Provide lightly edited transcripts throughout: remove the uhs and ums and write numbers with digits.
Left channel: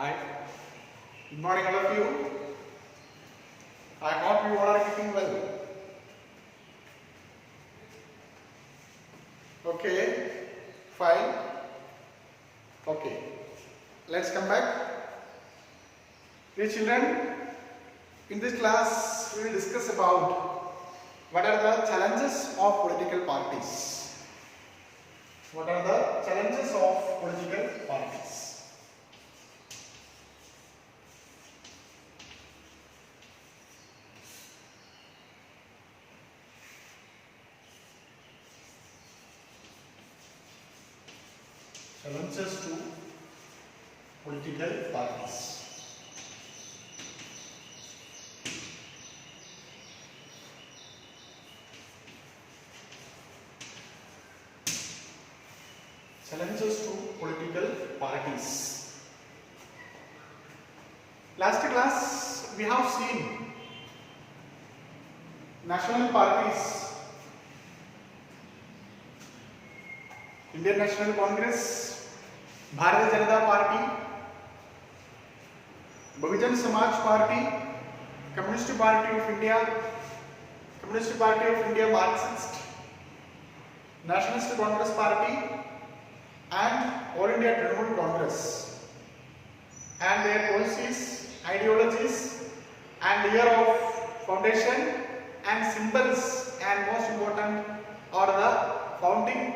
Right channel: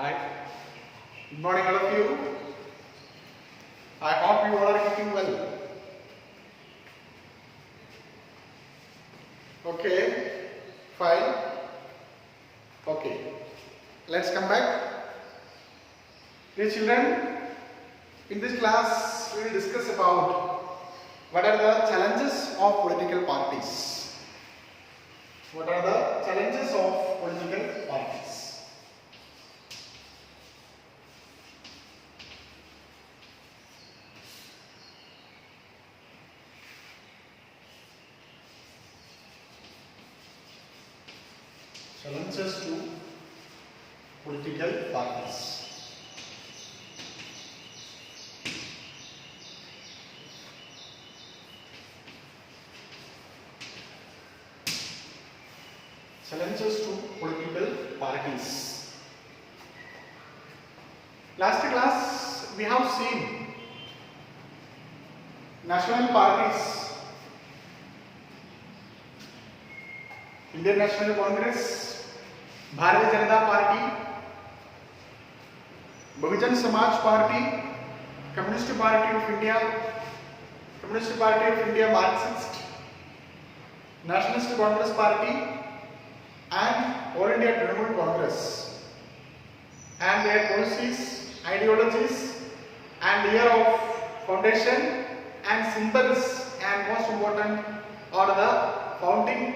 Hi, good morning all of you. I hope you all are keeping well. Okay, fine. Okay, let's come back. Dear children, in this class we will discuss about what are the challenges of political parties. What are the challenges of political parties? Challenges to political parties. Challenges to political parties. Last class we have seen national parties. Indian National Congress, Bharatiya Janata Party, Bahujan Samaj Party, Communist Party of India, Communist Party of India Marxist, Nationalist Congress Party, and All India Trinamool Congress, and their policies, ideologies, and year of foundation and symbols, and most important are the founding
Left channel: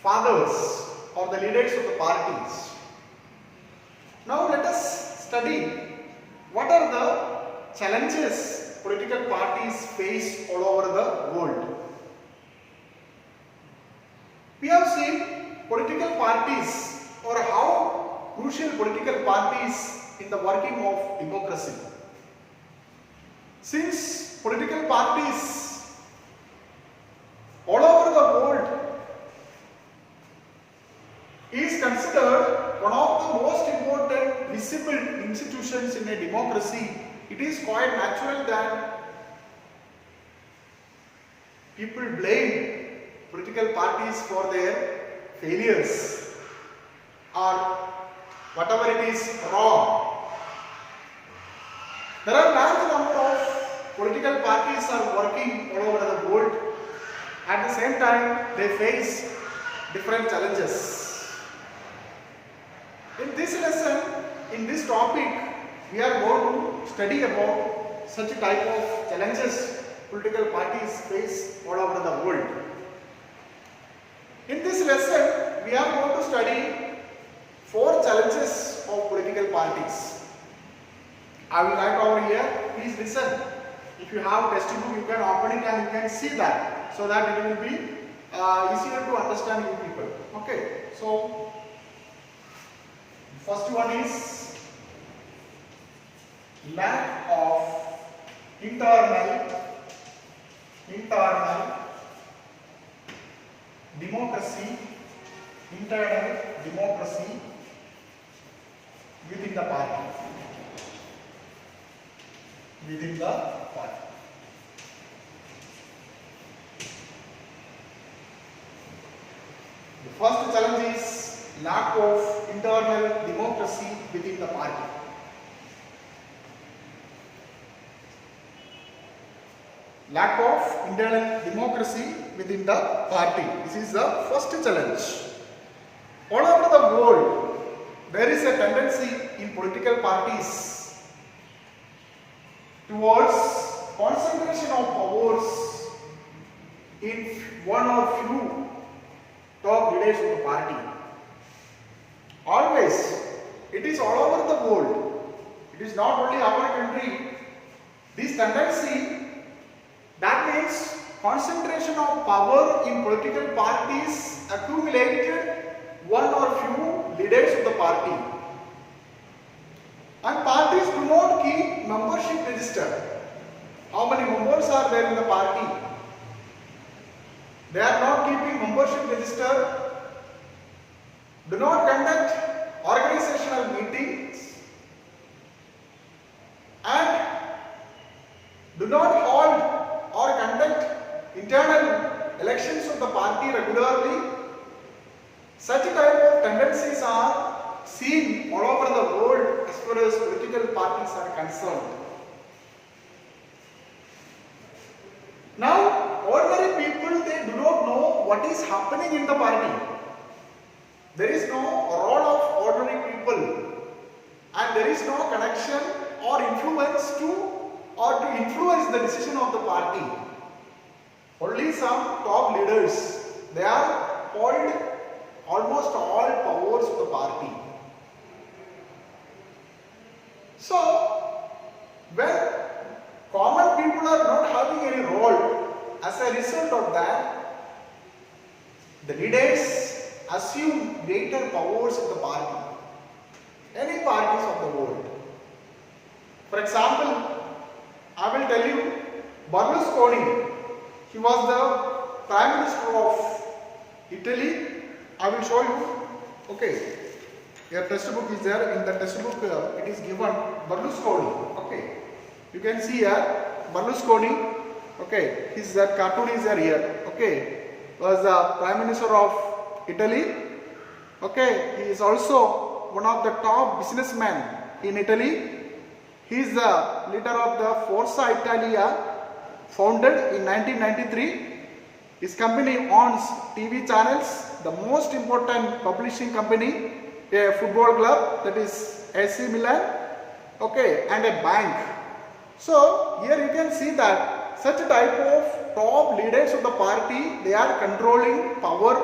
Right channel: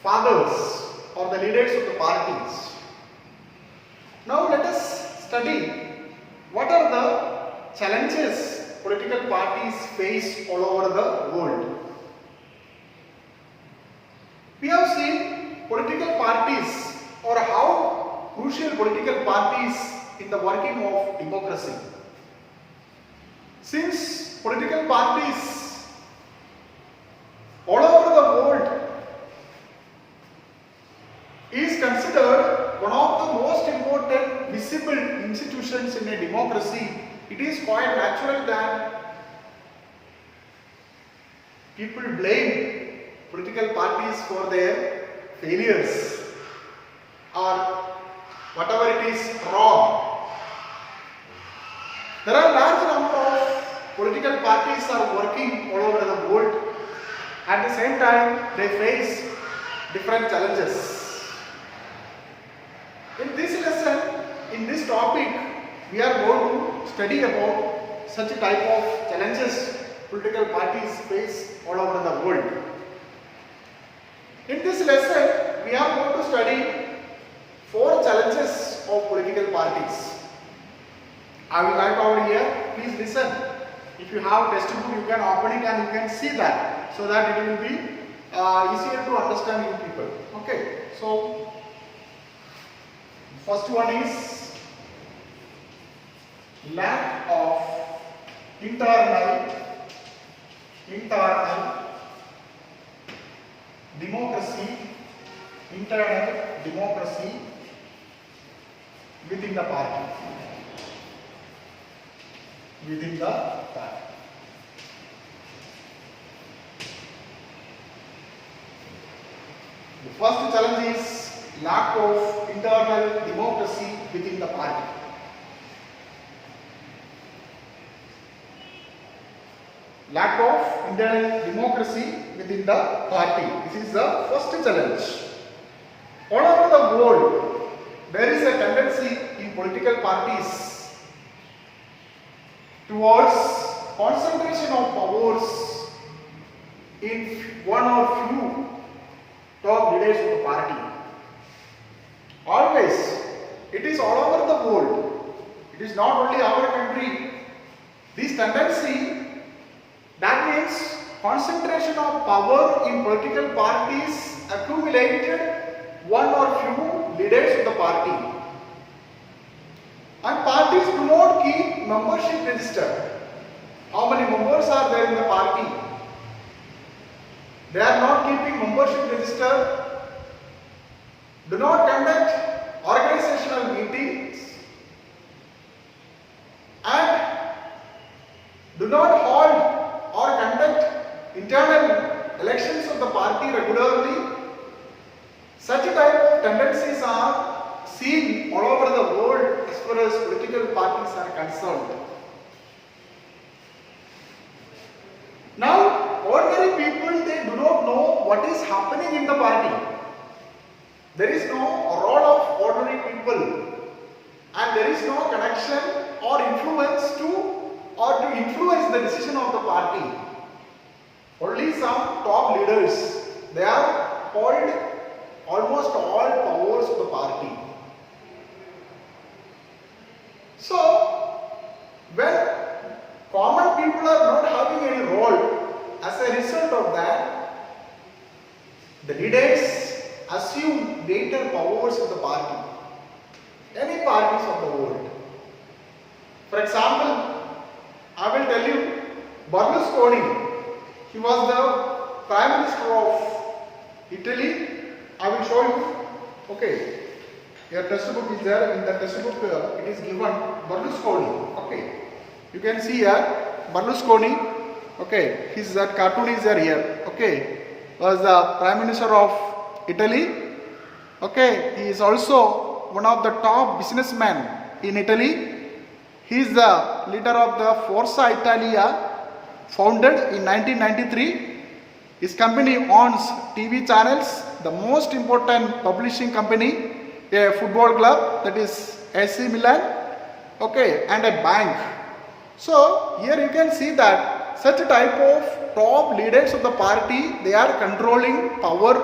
fathers or the leaders of the parties. Now let us study what are the challenges political parties face all over the world. We have seen political parties or how crucial political parties in the working of democracy. Since political parties all over the world is considered one of the most important visible institutions in a democracy, it is quite natural that people blame political parties for their failures or whatever it is wrong. There are large number of political parties are working all over the world. At the same time, they face different challenges. In this lesson, in this topic, we are going to study about such a type of challenges political parties face all over the world. In this lesson, we are going to study 4 challenges of political parties. I will write over here. Please listen. If you have textbook, you can open it and you can see that, so that it will be easier to understand you people. Okay. So first one is lack of internal democracy within the party. The first challenge is lack of internal democracy within the party. Lack of internal democracy within the party. This is the first challenge. All over the world, there is a tendency in political parties towards concentration of powers in one or few top leaders of the party. Always, it is all over the world. It is not only our country. This tendency, that means concentration of power in political parties accumulated one or few leaders of the party. And parties do not keep membership register. How many members are there in the party? They are not keeping membership register. Do not conduct organizational meetings and do not hold or conduct internal elections of the party regularly. Such type of tendencies are seen all over the world as far as political parties are concerned. Now, ordinary people, they do not know what is happening in the party. There is no role of ordinary people, and there is no connection or influence to influence the decision of the party. Only some top leaders, they are hold almost all powers of the party. So, when common people are not having any role, as a result of that, the leaders assume greater powers in the party, any parties of the world. For example, I will tell you, Berlusconi, he was the Prime Minister of Italy. I will show you. Okay, your textbook is there. In the textbook, it is given Berlusconi. Okay, you can see here Berlusconi. Okay, his cartoon is there here. Okay, was the Prime Minister of Italy. Okay, he is also one of the top businessmen in Italy. He is the leader of the Forza Italia, founded in 1993. His company owns TV channels, the most important publishing company, a football club, that is AC Milan, okay, and a bank. So here you can see that such type of top leaders of the party, they are controlling power.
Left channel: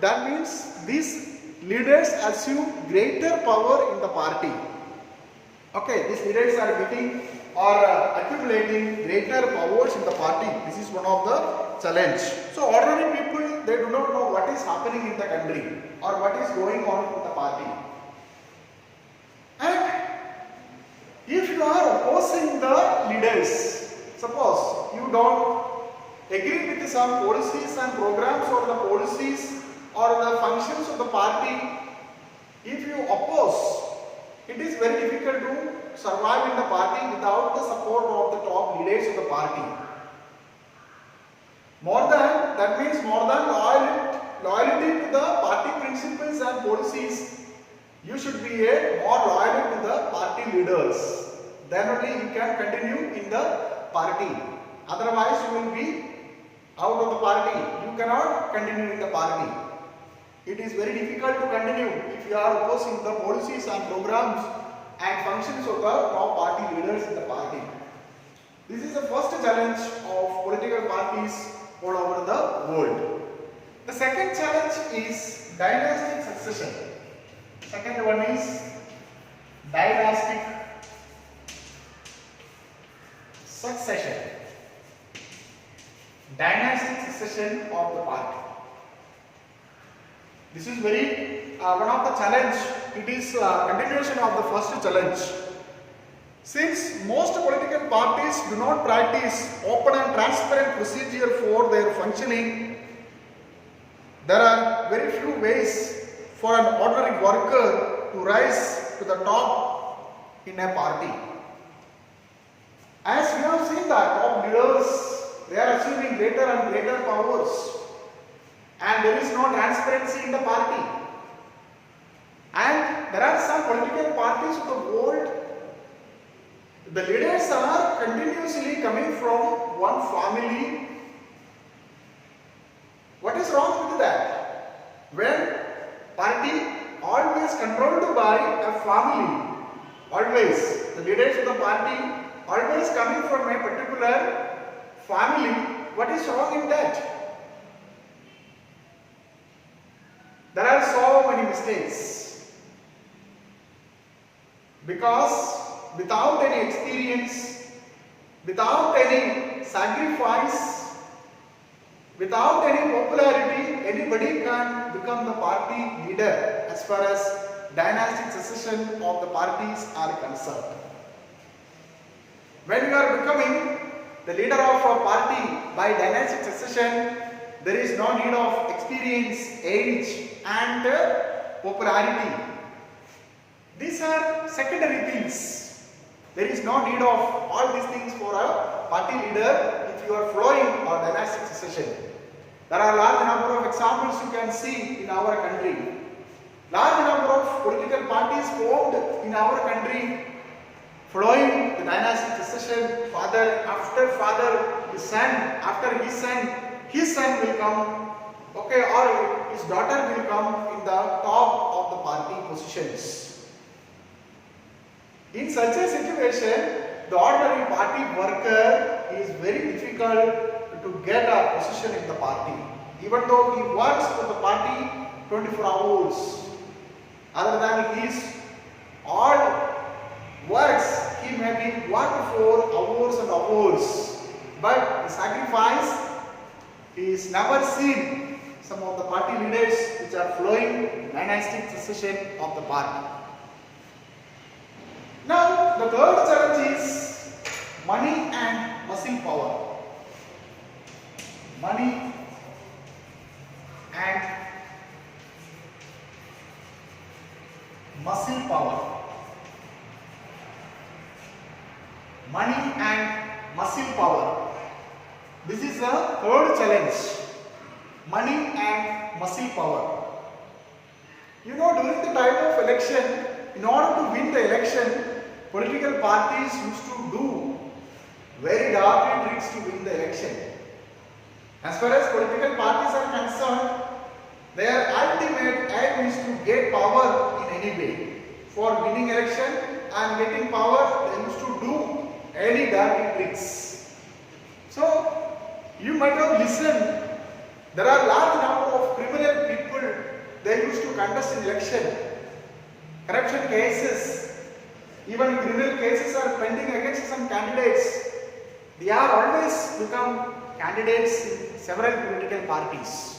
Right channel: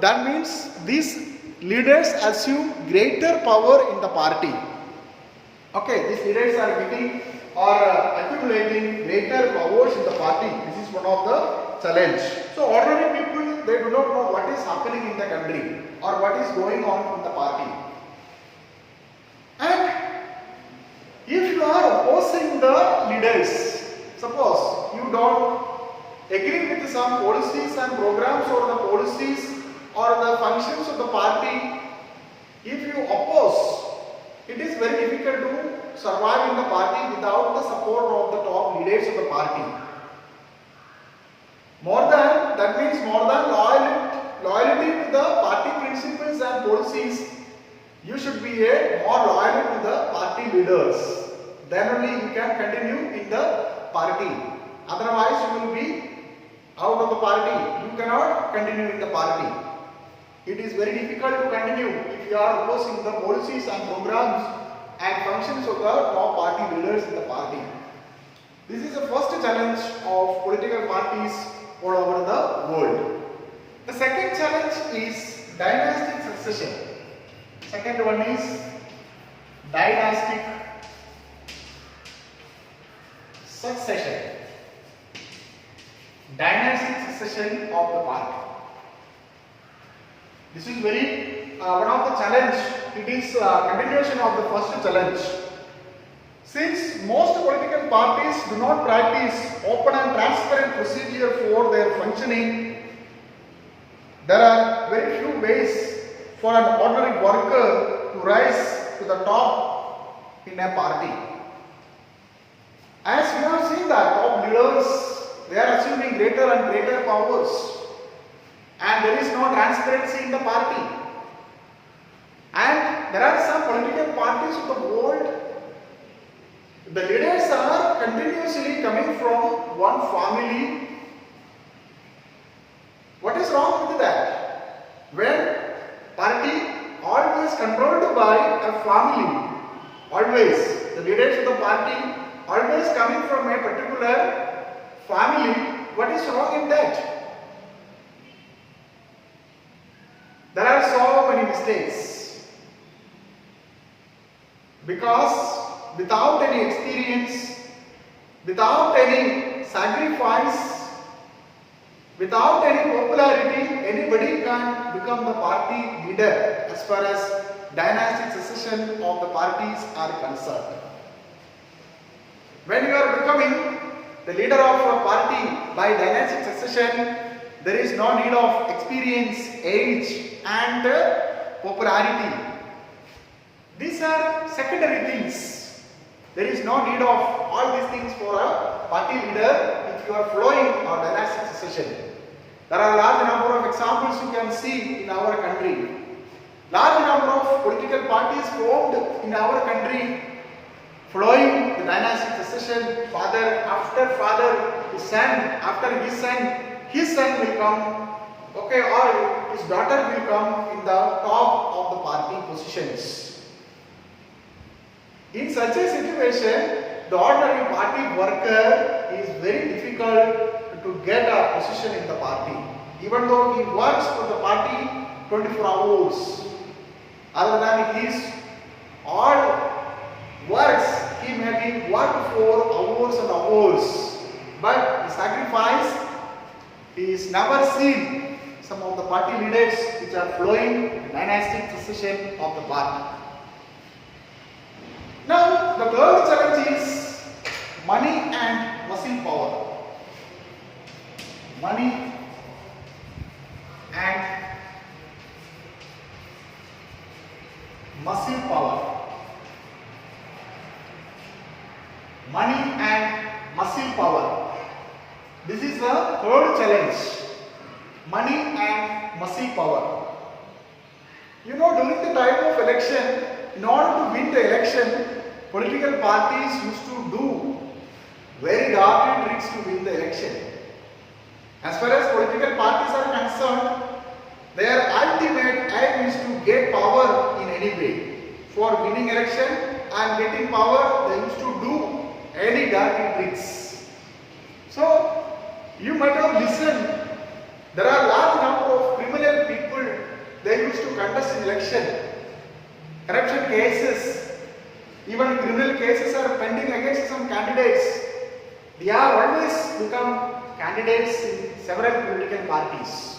That means these leaders assume greater power in the party. Okay, these leaders are getting or accumulating greater powers in the party. This is one of the challenge. So ordinary people, they do not know what is happening in the country or what is going on in the party. And if you are opposing the leaders, suppose you don't agree with some policies and programs or the policies or the functions of the party, if you oppose, it is very difficult to survive in the party without the support of the top leaders of the party. That means more than loyalty to the party principles and policies, you should be more loyal to the party leaders. Then only you can continue in the party. Otherwise you will be out of the party. You cannot continue in the party. It is very difficult to continue if you are opposing the policies and programs and functions of the top party leaders in the party. This is the first challenge of political parties all over the world. The second challenge is dynastic succession. Second one is dynastic succession. Dynastic succession of the party. This is very one of the challenge. It is a continuation of the first challenge. Since most political parties do not practice open and transparent procedure for their functioning, there are very few ways for an ordinary worker to rise to the top in a party. As we have seen that top leaders, they are assuming greater and greater powers. And there is no transparency in the party. And there are some political parties of the world, the leaders are continuously coming from one family. What is wrong with that? When party always controlled by a family, always the leaders of the party always coming from a particular family, what is wrong in that? There are so many mistakes because without any experience, without any sacrifice, without any popularity, anybody can become the party leader as far as dynastic succession of the parties are concerned. When you are becoming the leader of a party by dynastic succession, there is no need of experience, age and popularity. These are secondary things. There is no need of all these things for a party leader if you are following a dynastic succession. There are a large number of examples you can see in our country. Large number of political parties formed in our country following the dynastic succession. Father, his son, after his son will come, okay, or his daughter will come in the top of the party positions. In such a situation, the ordinary party worker is very difficult to get a position in the party, even though he works for the party 24 hours. Other than his all works, he may be worked for hours and hours, but the sacrifice is never seen. Some of the party leaders which are following the dynastic succession of the party. Now, the third challenge is money and muscle power. Money and muscle power. Money and muscle power. This is the third challenge. Money and muscle power. You know, during the time of election, in order to win the election, political parties used to do very dirty tricks to win the election. As far as political parties are concerned, their ultimate aim is to get power in any way. For winning election and getting power, they used to do any dirty tricks. So, you might have listened, there are large number of criminal people, they used to contest election. Corruption cases, even criminal cases are pending against some candidates. They are always become candidates in several political parties.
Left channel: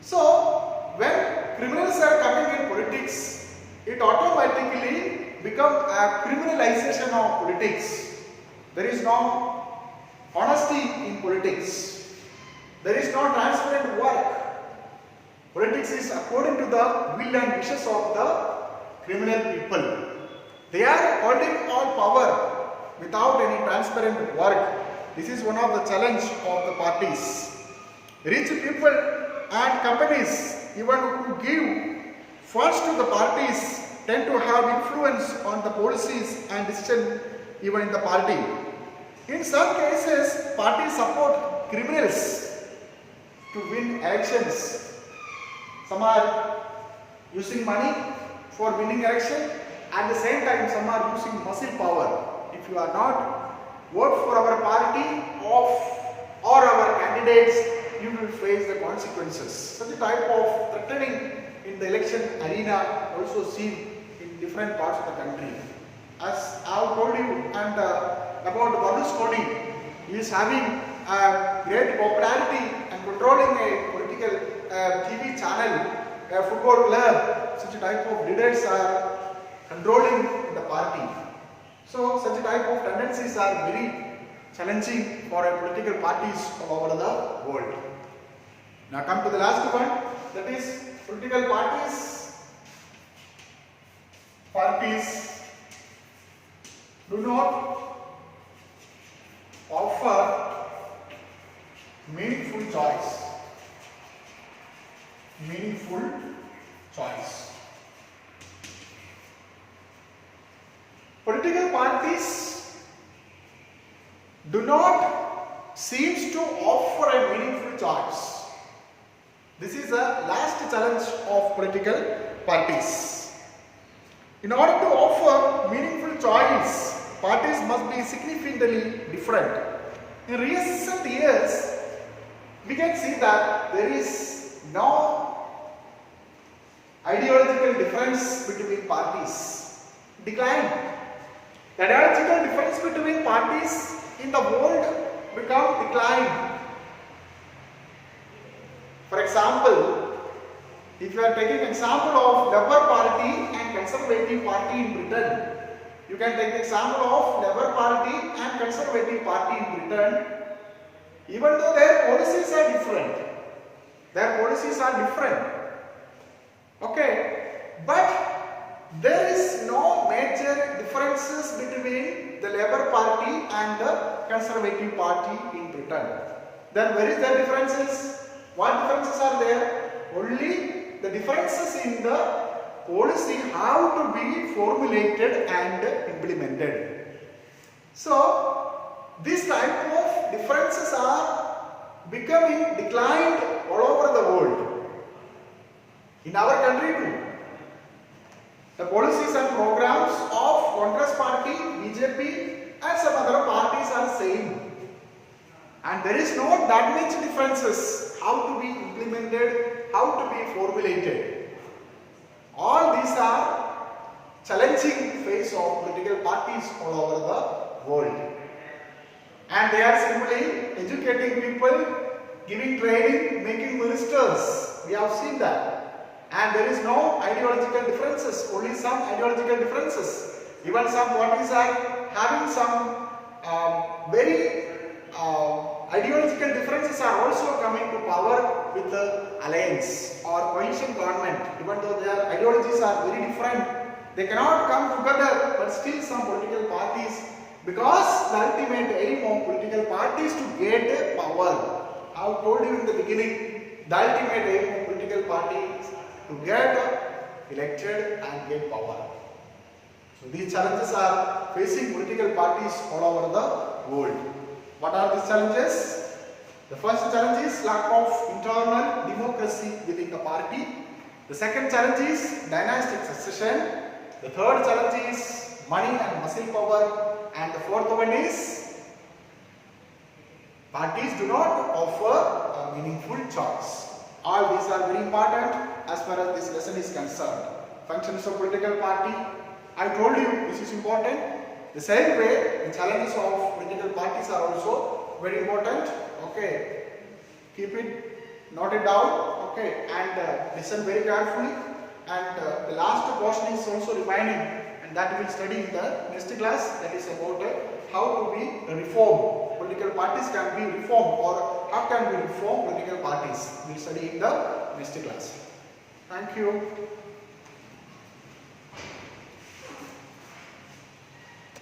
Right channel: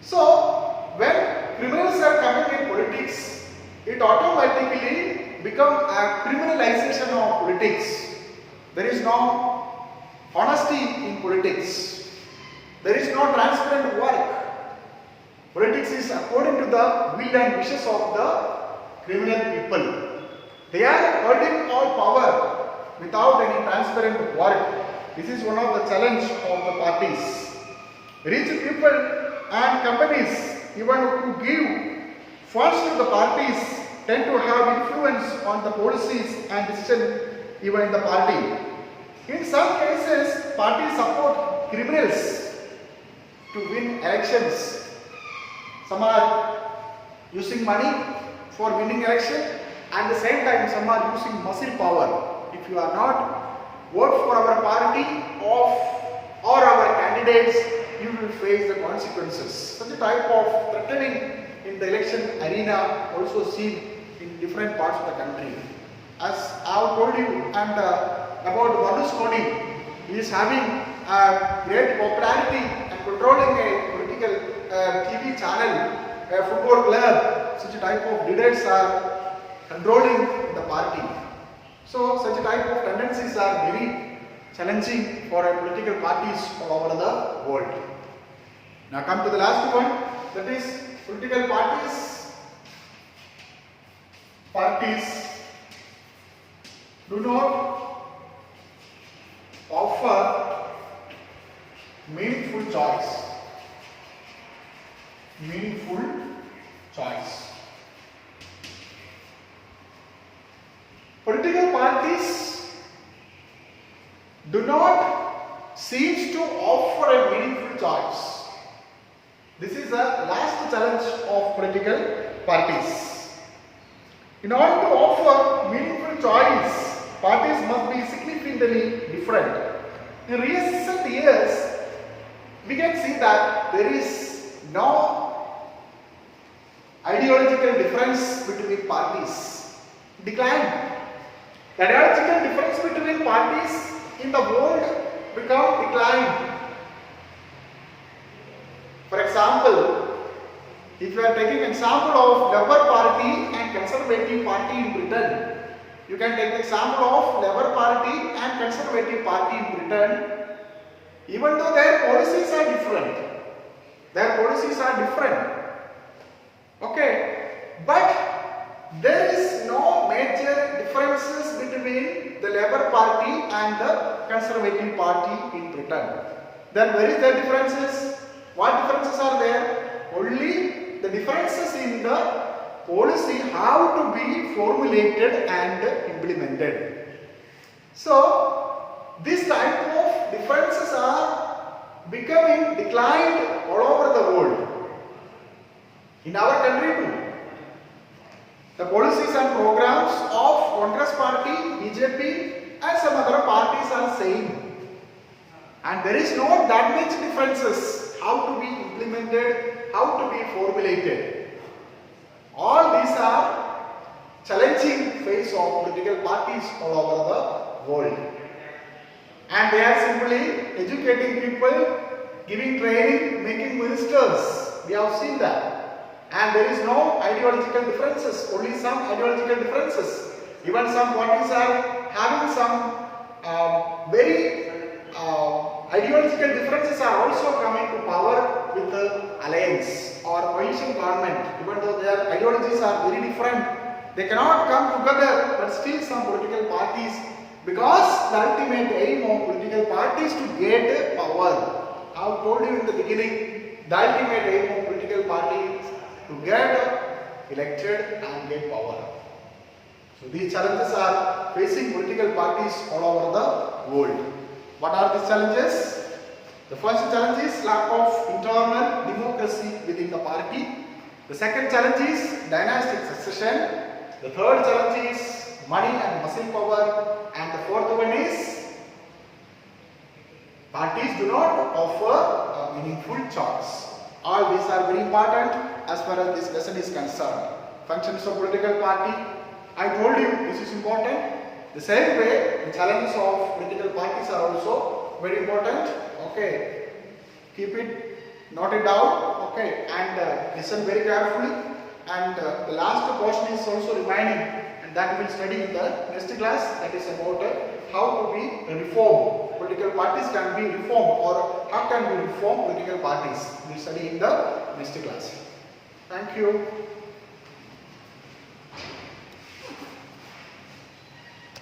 So, when criminals are coming in politics, it automatically becomes a criminalization of politics. There is no honesty in politics. There is no transparent work. Politics is according to the will and wishes of the criminal people. They are holding all power without any transparent work. This is one of the challenge of the parties. Rich people and companies, even who give funds to the parties, tend to have influence on the policies and decisions even in the party. In some cases, parties support criminals to win elections. Some are using money for winning election. At the same time, some are using muscle power. If you are not vote for our party or our candidates, you will face the consequences. Such a type of threatening in the election arena also seen in different parts of the country. As I have told you and about Berlusconi, he is having a great popularity and controlling a political TV channel, a football club. Such a type of leaders are controlling the party. So such a type of tendencies are very challenging for a political parties all over the world. Now come to the last one, that is political parties. Parties do not offer meaningful choice. Meaningful choice. Political parties do not seem to offer a meaningful choice. This is the last challenge of political parties. In order to offer meaningful choice, parties must be significantly different. In recent years, we can see that there is no ideological difference between parties. Decline. The ideological difference between parties in the world become declined. For example, if you are taking example of Labour Party and Conservative Party in Britain, you can take example of Labour Party and Conservative Party in Britain. Even though their policies are different, okay, but there is no major differences between the Labour Party and the Conservative Party in Britain. Then where is the differences? What differences are there? Only the differences in the policy how to be formulated and implemented. So these type of differences are becoming declined all over the world. In our country too. The policies and programs of Congress party, BJP and some other parties are same. And there is not that much differences how to be implemented, how to be formulated. All these are challenging face of political parties all over the world. And they are simply educating people, giving training, making ministers. We have seen that. And there is no ideological differences, only some ideological differences. Even some parties are having some very ideological differences are also coming to power with the alliance or coalition government. Even though their ideologies are very different, they cannot come together, but still some political parties, because the ultimate aim of political parties to get power. I have told you in the beginning, the ultimate aim of political parties to get elected and get power. So these challenges are facing political parties all over the world. What are these challenges? The first challenge is lack of internal democracy within the party. The second challenge is dynastic succession. The third challenge is money and muscle power. And the fourth one is parties do not offer a meaningful choice. All these are very important as far as this lesson is concerned. Functions of political party. I told you this is important. The same way, the challenges of political parties are also very important. Okay, keep it noted down. Okay, and listen very carefully. And the last portion is also remaining, and that we will study in the next class. That is about how to be reformed. Political parties can be reformed, or how can we reform political parties. We will study in the next class. Thank you.